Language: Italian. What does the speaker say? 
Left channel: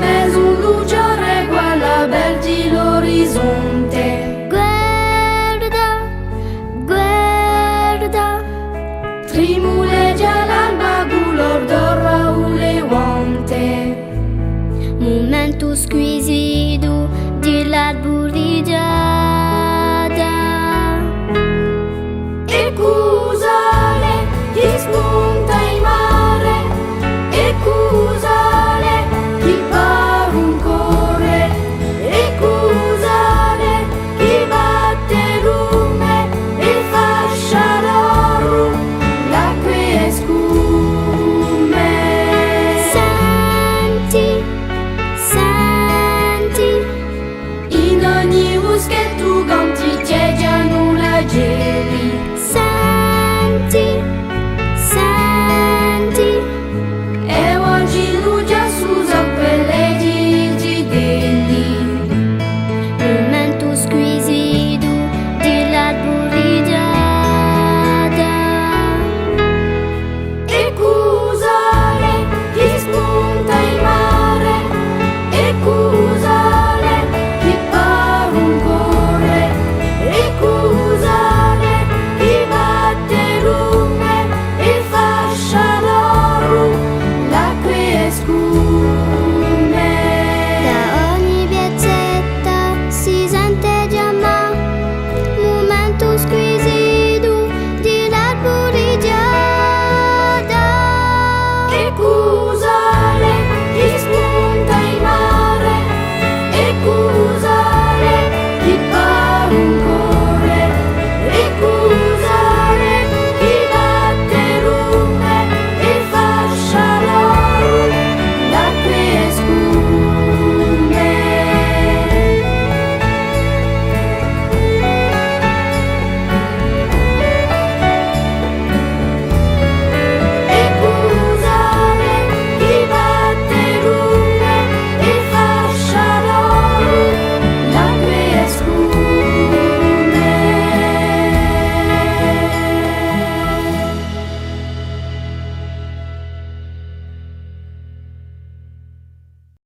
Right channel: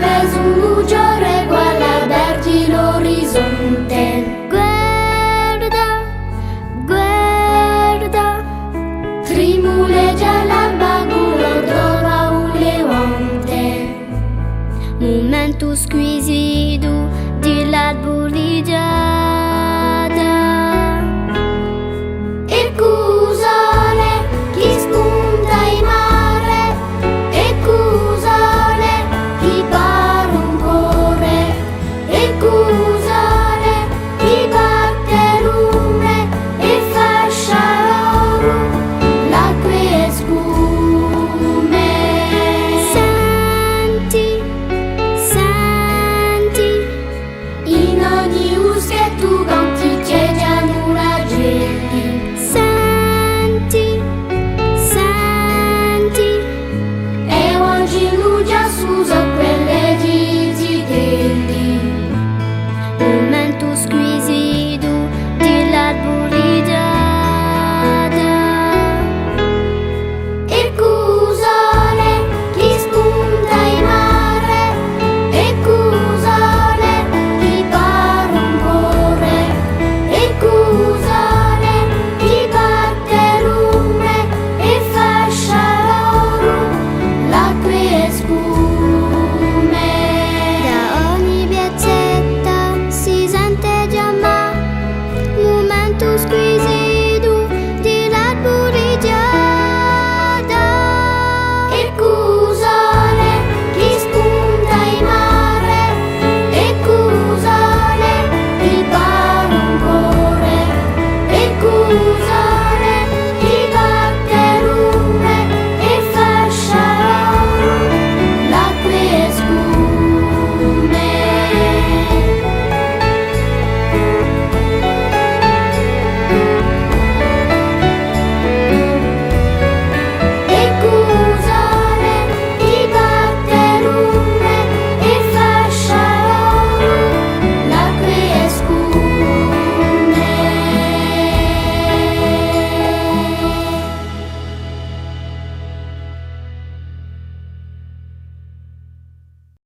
ves un luciore, guarda vergi l'orizzonte. Guarda, guarda, Trimuleggia l'alba, gulor d'oro ulevante. momento squisito dell'arborigiada. E cusale chi spunta in mare, e cusale chi pare un corre, e cusale chi batte lume e fascia l'oro, l'acque e scume. Senti, senti, In ogni uschetto